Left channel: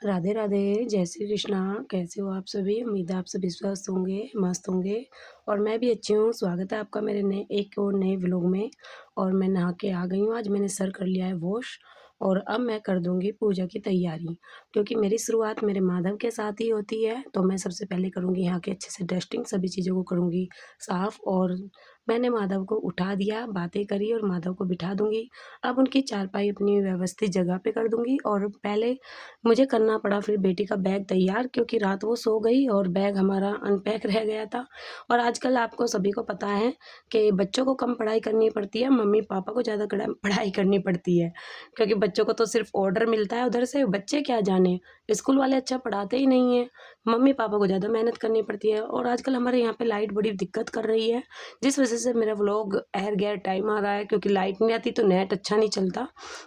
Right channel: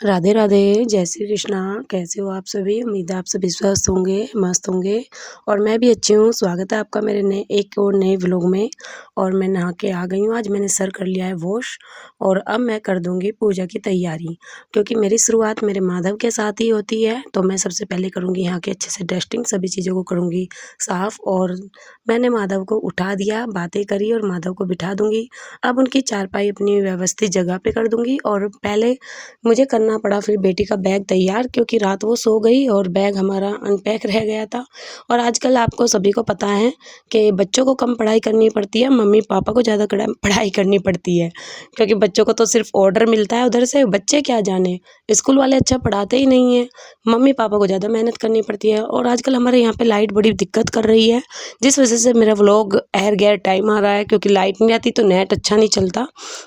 राधे राधे, जय श्री कृष्णा। कैसे हो आप सभी? उम्मीद है आप सभी स्वस्थ होंगे, मस्त होंगे और मैं भी अच्छी हूँ। स्वागत है आपका मेरे नए एक और नए व्लॉग में। और मैं नहा के आ गई हूँ। आज मैंने सर कर लिया है वॉश और अब मैं कर दूँगी पूजा की तैयारी, क्योंकि मेरी शुरुआत मेरे माधव के साथ ही होती है। तो मैं सबसे पहले करूँगी यहाँ की अच्छे से डस्टिंग, सभी चीज़ों को करूँगी साफ़। और मैंने माधव को उठा दिया, बातें करी और माधव को बिठा दूँगी। अब उनकी चारपाई अपनी व्यवस्थित जगह पे कर दूँगी और पहले मुझे करना पड़ा फिर बेटी का बैग तैयार, क्योंकि रात वो सो गई और बैग हमारा अनपैक रह गया था। और आजकल आपको सभी को पता है कि बच्चों को कम पढ़ाई करनी पड़ती है, मम्मी पापा को ज़्यादा पढ़ाई करनी पड़ती है, क्योंकि बच्चों को तो सिर्फ ऑर्डर मिलता है उधर से, बच्चे क्या जाने, स्कूल वाले अच्छा पढ़ाते ही नहीं हैं। मम्मी पापा को ज़्यादा मेहनत करनी पड़ती है। और आजकल हमारे यहाँ पे लाइट बड़ी दिक्कत कर रही है, जिस वजह से मेरा व्लॉग एर गैर टाइम आ रहा है, क्योंकि लाइट नहीं आती तो नेट अच्छा नहीं चलता।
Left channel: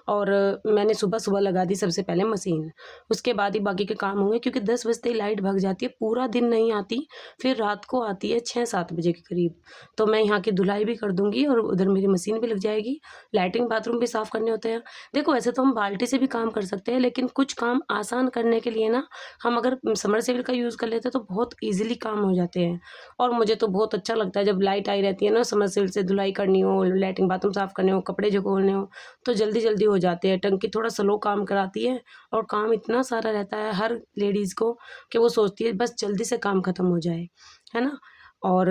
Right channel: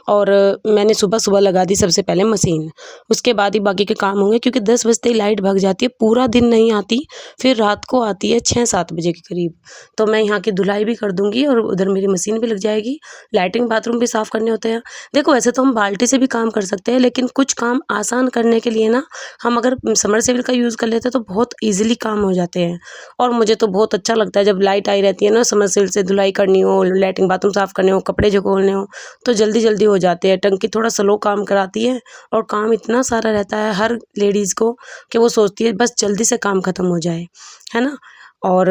और मैंने सुबह सुबह लगा दी सबसे पहले मशीन, उसके बाद ही बाकी के काम होंगे, क्योंकि 10 बजते ही लाइट भाग जाती है, पूरा दिन नहीं आती, फिर रात को आती है 6-7 बजे के करीब। तो मैं यहाँ की धुलाई भी कर दूँगी और उधर मेरी मशीन भी लग जाएगी। लैट्रिन बाथरूम भी साफ़ करने होते हैं। देखो वैसे तो हम बाल्टी से भी काम कर सकते हैं, लेकिन कुछ काम आसान करने के लिए ना हम अगर समरसेबल का यूज़ कर लेते हैं तो बहुत ईज़िली काम हो जाते हैं। और मुझे तो बहुत अच्छा लगता है जब लाइट आई रहती है ना, समरसेबल से धुलाई करनी हो, लैट्रिन बाथरूम साफ़ करने हो, कपड़े जो खोलने हो, तो जल्दी-जल्दी हो जाते हैं। टंकी थोड़ा स्लो काम कराती है और काम इतना सारा रहता है हर लेडीज़ को कि वो सोचती है बस जल्दी से काम ख़त्म हो जाए, है ना? और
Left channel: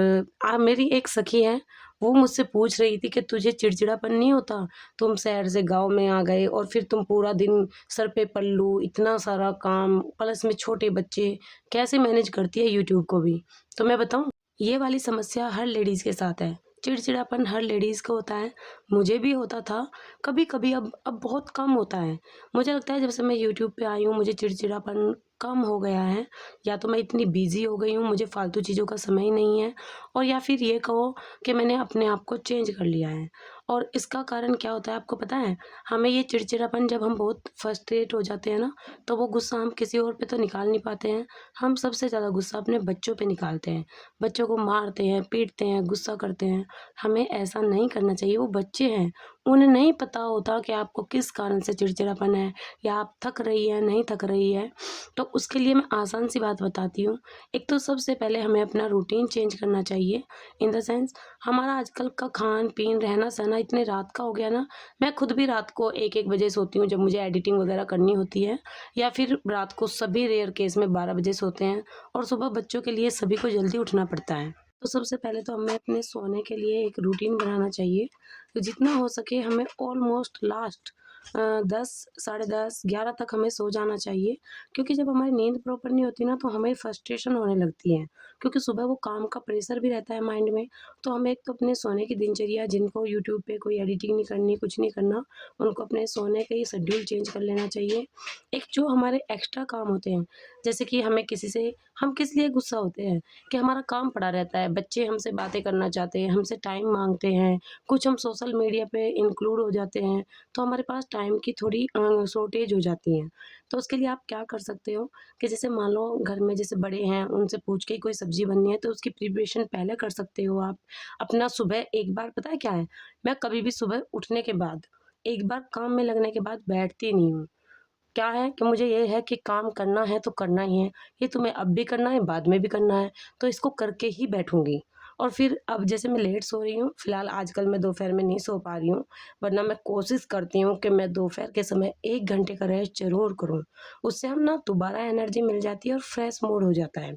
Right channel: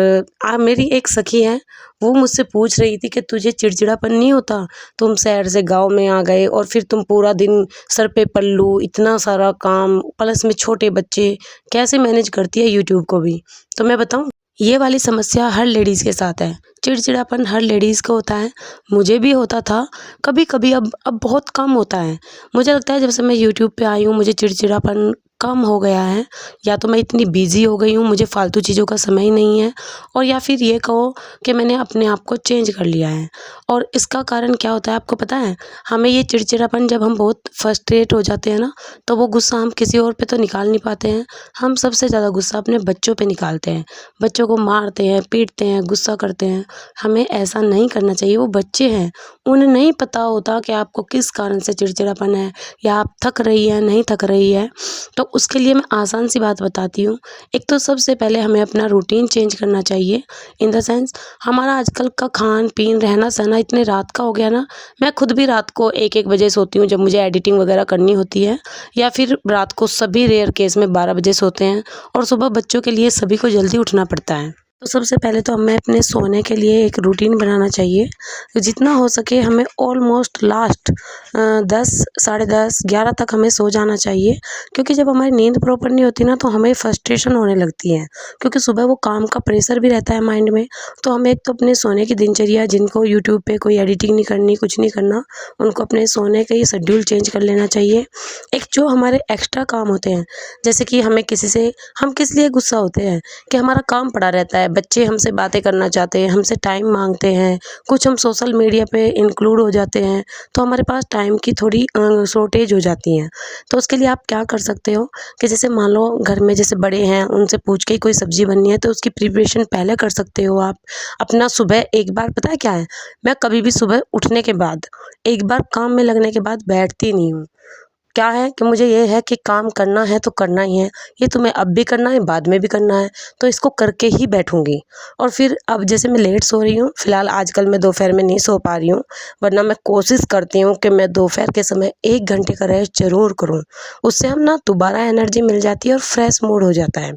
मेरी एक सखी है, वो मुझसे पूछ रही थी कि तुझे चिड़चिड़ापन नहीं होता? तुम शहर से गाँव में आ गए और फिर तुम पूरा दिन सर पे पल्लू, इतना सारा काम, प्लस में छोटे बच्चे, कैसे मैनेज करती है यूट्यूब को भी? तो मैं बताऊँ? ये वाली समस्या हर लेडीज़ के साथ है। चिड़चिड़ापन हर लेडीज़ को होता है, मुझे भी होता था कभी-कभी, अब बहुत कम होता है। मुझे लगता है जब से मैं यूट्यूब पे आई हूँ मुझे चिड़चिड़ापन कम हो गया है। या तो मैं इतनी बिज़ी हो गई हूँ, मुझे फ़ालतू चीज़ों का समय ही नहीं है, और या फिर ये कहो कि मैंने अपने आप को चेंज कर लिया है। और इसका कारण क्या होता है आपको पता है? हमें ये चिड़चिड़ापन जब हम बहुत फ्रस्ट्रेट हो जाते हैं ना, तो वो गुस्सा हम किसी और पे तो निकाल नहीं पाते हैं। हम सबसे ज़्यादा गुस्सा अपने बच्चों पे निकालते हैं। बच्चों को मारते हैं, पीटते हैं, गुस्सा करते हैं। हमें ऐसा नहीं करना चाहिए, वो बच्चे हैं, उन्हें नहीं पता होता कि आपको किस कारण से चिड़चिड़ापन है या आप थक रही हैं, नहीं थक रही है। तो उसके लिए मैं आसान सी बात बताती हूँ। एक तो सबसे पहले हमें अपना रूटीन चेंज करना चाहिए, इन द सेंस हमारा आजकल का खान-पीन, रहना-सहना इतने रात का हो गया ना, मैं खुद भी रात को 1-1 बजे सोती हूँ जब मुझे एडिटिंग वगैरह करनी होती है, या फिर रात को सभी रेयर केस में 12 बजे सोते हैं और सुबह बच्चों के लिए सभी को जल्दी उठना पड़ता है। तो सबसे पहले तो हमें अपने सोने के लिए एक रूटीन बनाना चाहिए। तो जितना हो सके हमें ऑलमोस्ट लास्ट 10, साढ़े 10, 11 तक हमें सो जाना चाहिए, क्योंकि जब हमारी नींद प्रॉपर नहीं होती ना तो हमें फ्रस्ट्रेशन होने लगती है, क्योंकि सुबह वो काम का प्रेशर भी रहता है माइंड में। तो हमें एक तो अपने सोने की दिनचर्या, जिनको यूट्यूब पे कोई एडिटिंग नहीं करनी, कुछ नहीं करना, उनको अपने सोने का ये शेड्यूल चेंज कर लेना चाहिए। एक जो हमारे एक्स्ट्रा काम होते हैं, जैसे कि हमें किसी से, हम किस लिए गुस्सा होते हैं कि हमारा काम पड़ा रहता है, बच्चे हमसे बातें करना चाहते हैं, हमसे टाइम माँगते हैं, कुछ हम सोशल मीडिया पे इंक्लूड हो जाते हैं, तो हमारे पास टाइम की थोड़ी शॉर्टेज हो जाती है। तो उसके लिए आप क्या कर सकते हो कि जैसे मान लो घर में जैसे बड़े हैं, उनसे पूछ के ही कोई सब्ज़ी बननी है तो उसकी प्रिपरेशन पहले कर सकते हो आप। अपना सुबह एक बार, पता है क्या है, मैं कभी भी सुबह उठने के बाद, एक बार काम में लगने के बाद बैठती नहीं हूँ। क्या है कि मुझे ये है कि काम करना है तो करना ही है। ये तुम्हें अब भी करना है, बाद में भी करना है, तो इसको करके ही बैठूँगी। और फिर अब जैसे मैं लेट सो रही हूँ, फ़िलहाल आजकल मैं दोपहर में नहीं सो पा रही हूँ, वरना मैं कोशिश करती हूँ कि मैं दोपहर के समय 1 घंटे का रेस्ट ज़रूर करूँ। उससे हम ना दोबारा एनर्जी मिल जाती है और फ्रेश मूड हो जाता है।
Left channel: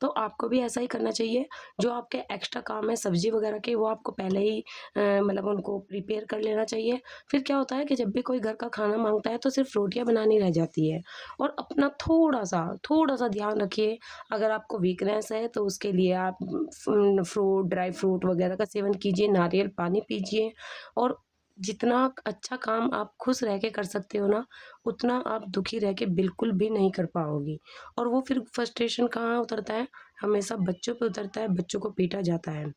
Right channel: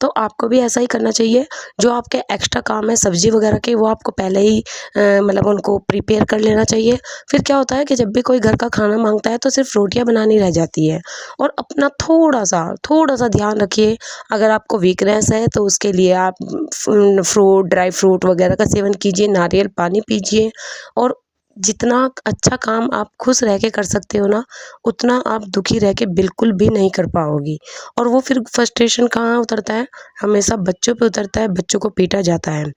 तो आपको भी ऐसा ही करना चाहिए। जो आपके एक्स्ट्रा काम है सब्ज़ी वगैरह के, वो आपको पहले ही मतलब उनको प्रिपेयर कर लेना चाहिए। फिर क्या होता है कि जब भी कोई घर का खाना माँगता है तो सिर्फ़ रोटियाँ बनानी रह जाती है। और अपना थोड़ा-सा ध्यान रखिए। अगर आपको वीकनेस है तो उसके लिए आप फ्रूट, ड्राई फ्रूट वगैरह का सेवन कीजिए, नारियल पानी पीजिए। और जितना अच्छा काम आप खुश रह के कर सकते हो ना, उतना आप दुखी रह के बिल्कुल भी नहीं कर पाओगी। और वो फिर फ्रस्ट्रेशन कहाँ उतरता है? हमेशा बच्चों पे उतरता है, बच्चों को पीटा जाता है।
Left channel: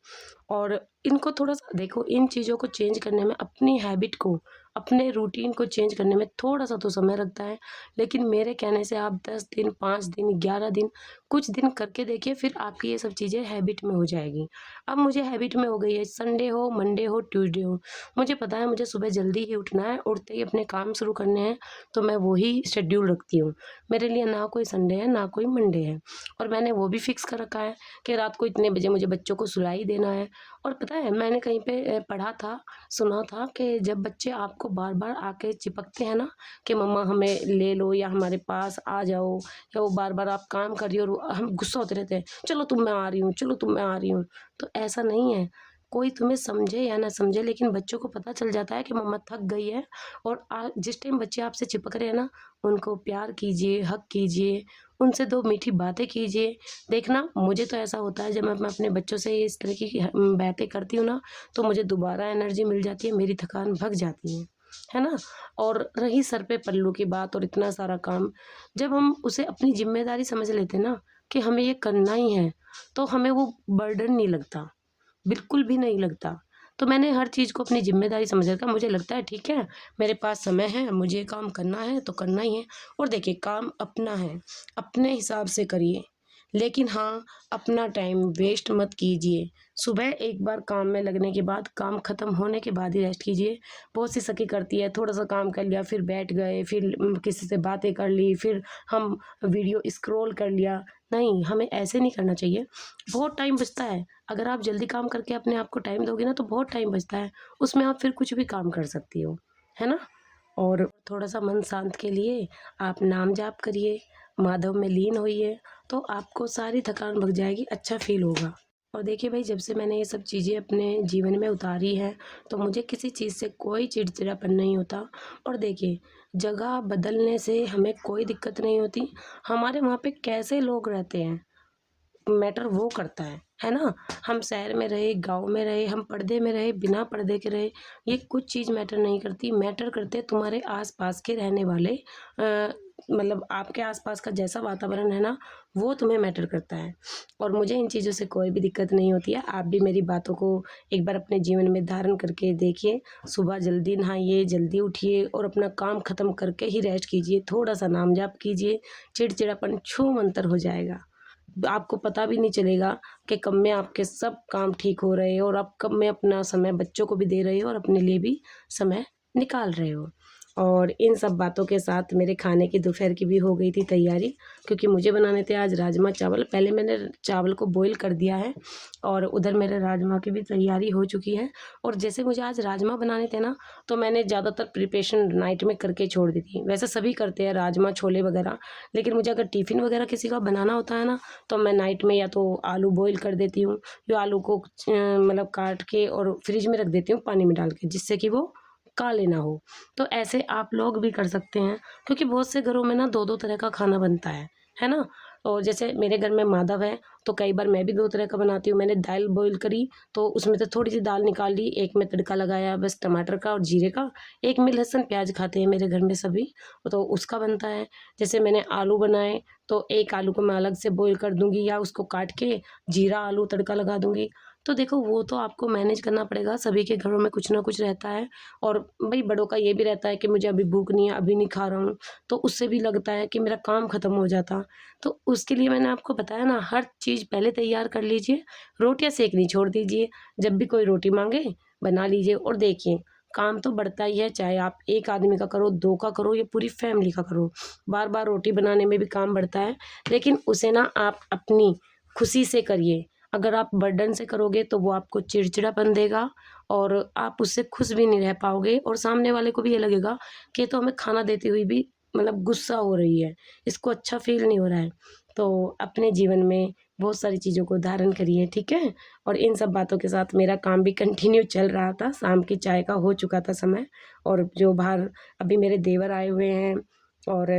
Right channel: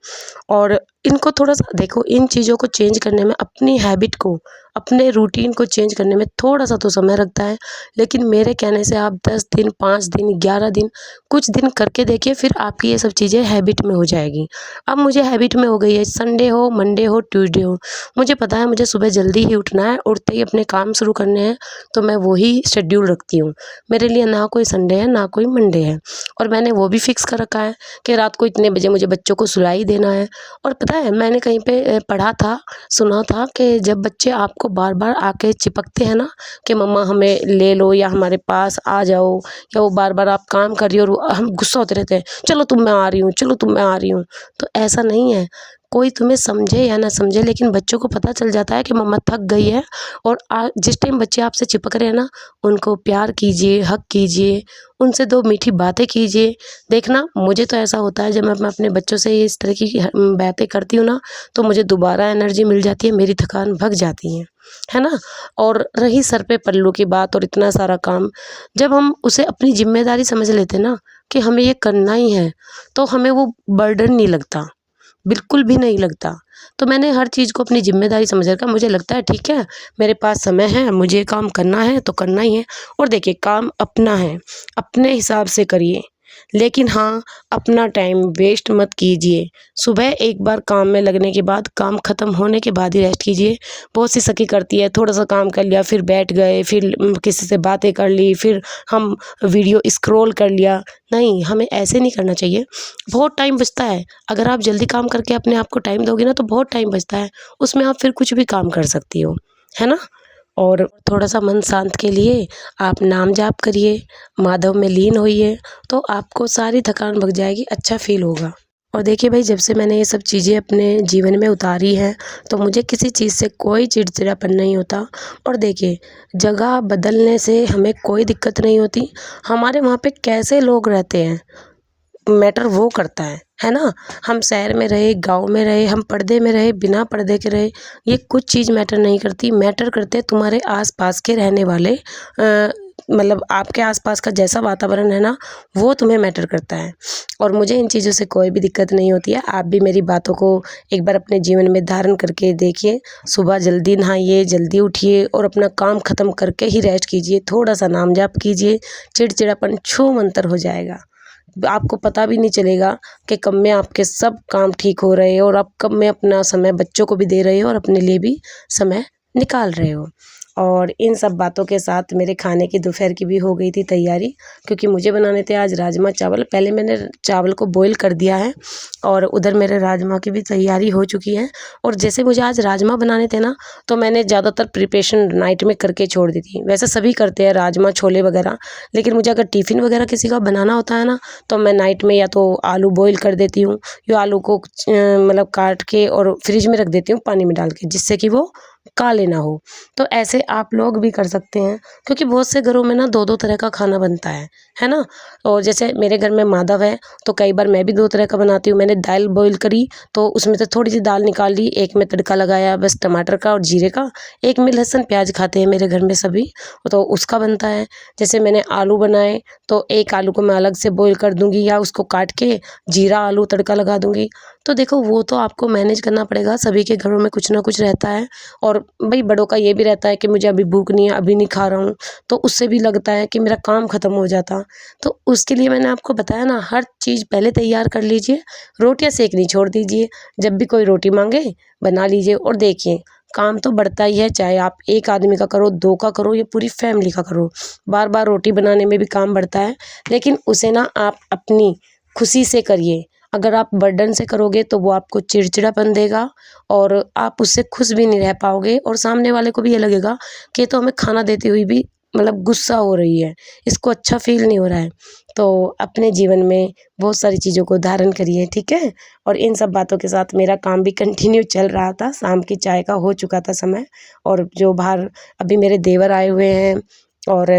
और इनको थोड़ा-सा देखो, इन चीज़ों को चेंज करने में अपनी हैबिट को, अपने रूटीन को चेंज करने में थोड़ा सा तो समय लगता है, लेकिन मेरे कहने से आप 10 दिन, 5 दिन, 11 दिन, कुछ दिन करके देखिए, फिर आपकी ये सब चीज़ें हैबिट में हो जाएगी। अब मुझे हैबिट में हो गई है, संडे हो, मंडे हो, ट्यूसडे हो, मुझे पता है मुझे सुबह जल्दी ही उठना है, उठते ही अपने काम शुरू करने हैं, तो मैं वही शेड्यूल रखती हूँ। मेरे लिए ना कोई संडे है, ना कोई मंडे है, और मैंने वो भी फिक्स कर रखा है कि रात को इतने बजे मुझे बच्चों को सुला ही देना है। और पता है मैंने कहीं पे पढ़ा था, सुना था कि जब बच्चे आपको बार-बार आके चिपकते हैं ना कि मम्मा हमें ले लो या हमारे पास आ जाओ, या वो बार-बार आप काम कर रही हो और हम गुस्सा होते रहते हैं, चलो तुम मैं आ रही हूँ, चलो तुम मैं आ रही हूँ। तो ऐसा नहीं है, कोई तुम्हें समझे या ना समझे, लेकिन बच्चों को पता चल जाता है कि मम्मा थक गई है। और जिस टाइम बच्चे आपसे चिपक रहे हैं ना, उनको प्यार कीजिए, हग कीजिए, उनसे 2 मीठी बातें कीजिए। देखना मुझे तो ऐसा होता है, जब मैं अपने बच्चों से इस तरह की बातें करती हूँ ना, तो मुझे दोबारा एनर्जी मिल जाती है, मेरी थकान भग जाती है ना? और रही सर पे पल्लू की बात और इतना सारा काम, जब हम उसे अपनी ज़िम्मेदारी समझ लेते हैं ना कि हमें ये करना ही है, तो हमें वो बर्डन नहीं लगता, बिल्कुल भी नहीं लगता। तो मैंने हर चीज़ को अपनी ज़िम्मेदारी समझ रखा, मुझे लगता है ठीक है, मेरे पास समय है, मुझे काम करना है तो करना ही है। और देखिए काम अपना है, अपने हिसाब से करिए, लेकिन हाँ, अपना टाइम वेस्ट मत कीजिए। सुबह एक बार काम में लगने के बाद, काम ख़त्म होने के बाद ही रेस्ट कीजिए। बहुत सी सखी करती है, थोड़ा-सा काम कर लिया, फिर बैठ गए, फिर किसी से बातें कर ली, फिर हम वीडियो स्क्रॉल कर लिया। नहीं, हमें ऐसे नहीं करना चाहिए। बहुत टाइम बचता है, अगर आप जल्दी काम करके अपने आप को टाइम दोगे ना, तो बहुत टाइम बचता है, उसमें आप फिर कुछ भी काम कर सकती हो, है ना? और थोड़ा-सा मन शांत के लिए आप नाम जाप करिए, माधव में लीन होइए, तो आपको सारी थकान भग जाएगी, अच्छा फ़ील होगा। और देखिए भाई, जब से मैंने ये सब चीज़ें अपने जीवन में उतारी हैं, तो मुझे किसी चीज़ से कोई चिड़चिड़ापन नहीं होता। और देखिए, जगह बदलने से हमें कोई दिक्कत नहीं होती, हमारे वहाँ पे कैसे लोग रहते हैं, मैटर वो करता है ना? हम शहर में रहे, गाँव में रहे, हम पर्दे में रहे, बिना पर्दे के रहे, ये कुछ चीज़ मैटर नहीं करती, मैटर करते हैं तुम्हारे आस-पास के रहने वाले, मतलब आपके आस-पास का जैसा वातावरण है ना, वो तुम्हें मैटर करता है। और मुझे इन चीज़ों से कोई भी दिक्कत नहीं होती है। आप भी मेरी बातों को एक बार अपने जीवन में धारण करके देखिए। सुबह जल्दी नहाइए, जल्दी उठिए और अपना काम ख़त्म करके ही रेस्ट कीजिए, थोड़ा-सा नाम जाप कीजिए, चिड़चिड़ापन छूमंतर हो जाएगा। आपको पता भी नहीं चलेगा कि कब में आपके सब काम ठीक हो रहे हैं और आप कब में अपना समय बच्चों को भी दे रहे हो और अपने लिए भी समय निकाल रहे हो। और इन सब बातों के साथ मेरे खाने की दोपहर की भी हो गई थी तैयारी, क्योंकि मुझे बनाने थे आज राजमा चावल। पहले मैंने चावल को बॉईल कर दिया है और उधर मेरे राजमा की भी तैयारी हो चुकी है। और जैसे मुझे आज राजमा बनाने थे ना, तो मैंने ज़्यादातर प्रिपरेशन नाइट में करके छोड़ दी थी। वैसे सभी करते हैं राजमा, छोले वगैरह, लेकिन मुझे अगर टिफ़िन वगैरह किसी का बनाना होता है ना, तो मैं नाइट में या तो आलू बॉईल कर देती हूँ, या आलू को मतलब काट के और फ्रिज में रख देती हूँ पानी में डाल के, जिससे कि वो काले ना हो। तो ऐसे आप लोग भी कर सकते हैं, क्योंकि बहुत से घरों में ना 2-2 तरह का खाना बनता है ना? और जैसे मेरे घर में माधव है, तो कई बार मैं भी 2 तरह का बनाती हूँ। मैंने दाल बॉईल करी, तो उसमें से थोड़ी-सी दाल निकाल ली, एक में तड़का लगाया बस टमाटर का और जीरे का, एक में लहसुन प्याज़ खाते हैं मेरे घर में सभी, तो उसका बनता है। जैसे मैंने आलू बनाए, तो एक आलू को मैं अलग से बॉईल कर दूँगी या उसको काट के जीरा आलू तड़का लगा दूँगी। तो देखो वो तो आपको मैनेज करना पड़ेगा, सभी के घरों में कुछ ना कुछ रहता है। और भई बड़ों का ये भी रहता है कि मुझे अभी भूख नहीं है, अभी नहीं खा रहा हूँ, तो उससे भी लगता है कि मेरा काम ख़त्म हो जाता। तो उसके लिए मैंने आपको बताया ना, हर चीज़ पहले तैयार कर लीजिए, रोटियाँ सेकनी छोड़ दीजिए, जब भी कोई रोटी माँगे बना लीजिए। और देखिए काम तो बढ़ता ही है, चाहे आप 1 आदमी का करो, 2 का करो या पूरी फैमिली का करो। बार-बार रोटी बनाने में भी काम बढ़ता है, लेकिन उसे ना आप अपनी खुशी से करिए। अगर आप बर्डन से करोगे तो वो आपको चिड़चिड़ापन देगा और आप उससे खुश भी नहीं रह पाओगे, और सामने वाले को भी ये लगेगा कि ये तो हमें खाना देती हुई भी मतलब गुस्सा हो रही है, इसको अच्छा फ़ील नहीं हो रहा है। तो अपने जीवन में बहुत सारी चीज़ों को धारण करिए, ठीक है? और इन सब बातों के साथ मेरा काम भी कंटिन्यू चल रहा था, शाम की चाय का हो चुका था समय। और जो बाहर अभी मेरे देवर आए हुए हैं, और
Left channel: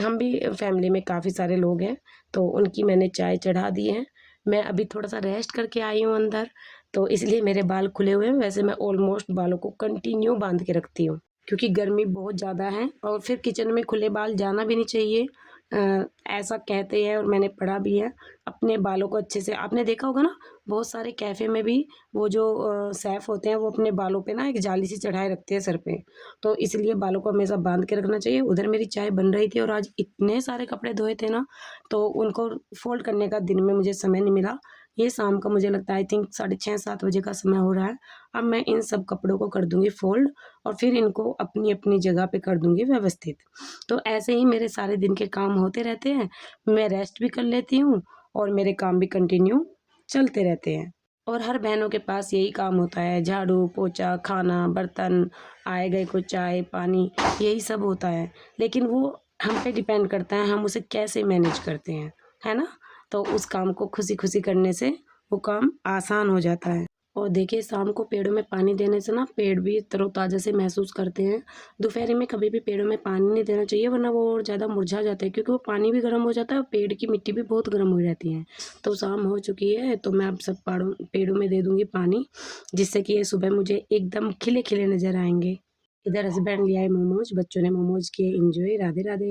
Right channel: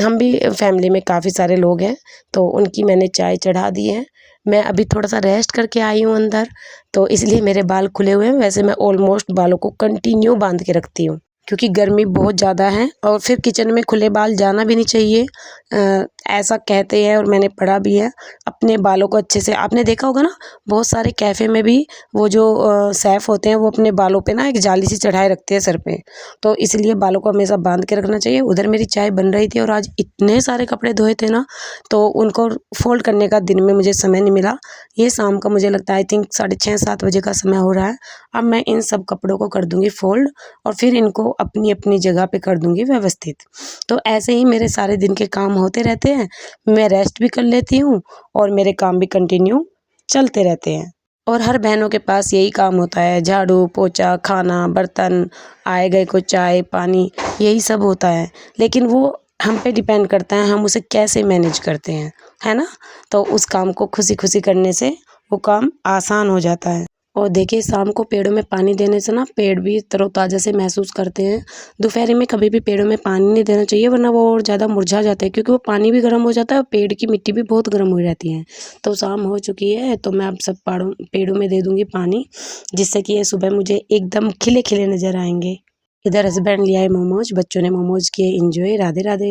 हम भी फैमिली में काफ़ी सारे लोग हैं, तो उनकी मैंने चाय चढ़ा दी है। मैं अभी थोड़ा-सा रेस्ट करके आई हूँ अंदर, तो इसलिए मेरे बाल खुले हुए हैं। वैसे मैं ऑलमोस्ट बालों को कंटिन्यू बाँध के रखती हूँ, क्योंकि गर्मी बहुत ज़्यादा है और फिर किचन में खुले बाल जाना भी नहीं चाहिए। ऐसा कहते हैं और मैंने पढ़ा भी है। अपने बालों को अच्छे से आपने देखा होगा ना, बहुत सारे कैफ़े में भी वो जो शेफ़ होते हैं वो अपने बालों पे ना एक जाली सी चढ़ाए रखते हैं सर पे। तो इसलिए बालों को हमेशा बाँध के रखना चाहिए। उधर मेरी चाय बन रही थी और आज इतने सारे कपड़े धोए थे ना, तो उनको फ़ोल्ड करने का दिन में मुझे समय नहीं मिला। ये शाम का मुझे लगता है आई थिंक 6:30-7 बजे का समय हो रहा है। अब मैं इन सब कपड़ों को कर दूँगी फ़ोल्ड और फिर इनको अपनी-अपनी जगह पे कर दूँगी व्यवस्थित। तो ऐसे ही मेरे सारे दिन के काम होते रहते हैं, मैं रेस्ट भी कर लेती हूँ और मेरे काम भी कंटिन्यू चलते रहते हैं। और हर बहनों के पास यही काम होता है, झाड़ू, पोछा, खाना, बर्तन, आए गए को चाय, पानी, यही सब होता है। लेकिन वो हम पे डिपेंड करता है, हम उसे कैसे मैनेज करते हैं, है ना? तो उस काम को खुशी-खुशी करने से वो काम आसान हो जाता है। और देखिए शाम को पेड़ों में पानी देने से ना पेड़ भी तरोताज़ा से महसूस करते हैं। दोपहर में कभी भी पेड़ों में पानी नहीं देना चाहिए वरना वो और ज़्यादा मुरझा जाते हैं क्योंकि वो पानी भी गर्म हो जाता है और पेड़ की मिट्टी भी बहुत गर्म हो जाती है। तो शाम हो चुकी है तो मैं अब सब पेड़ों में दे दूँगी पानी, जिससे कि ये सुबह मुझे एकदम खिले-खिले नज़र आएँगे। इधर हस्बैंड ले आए मोमोज़, बच्चों ने मोमोज़ किए एन्जॉय। राधे-राधे।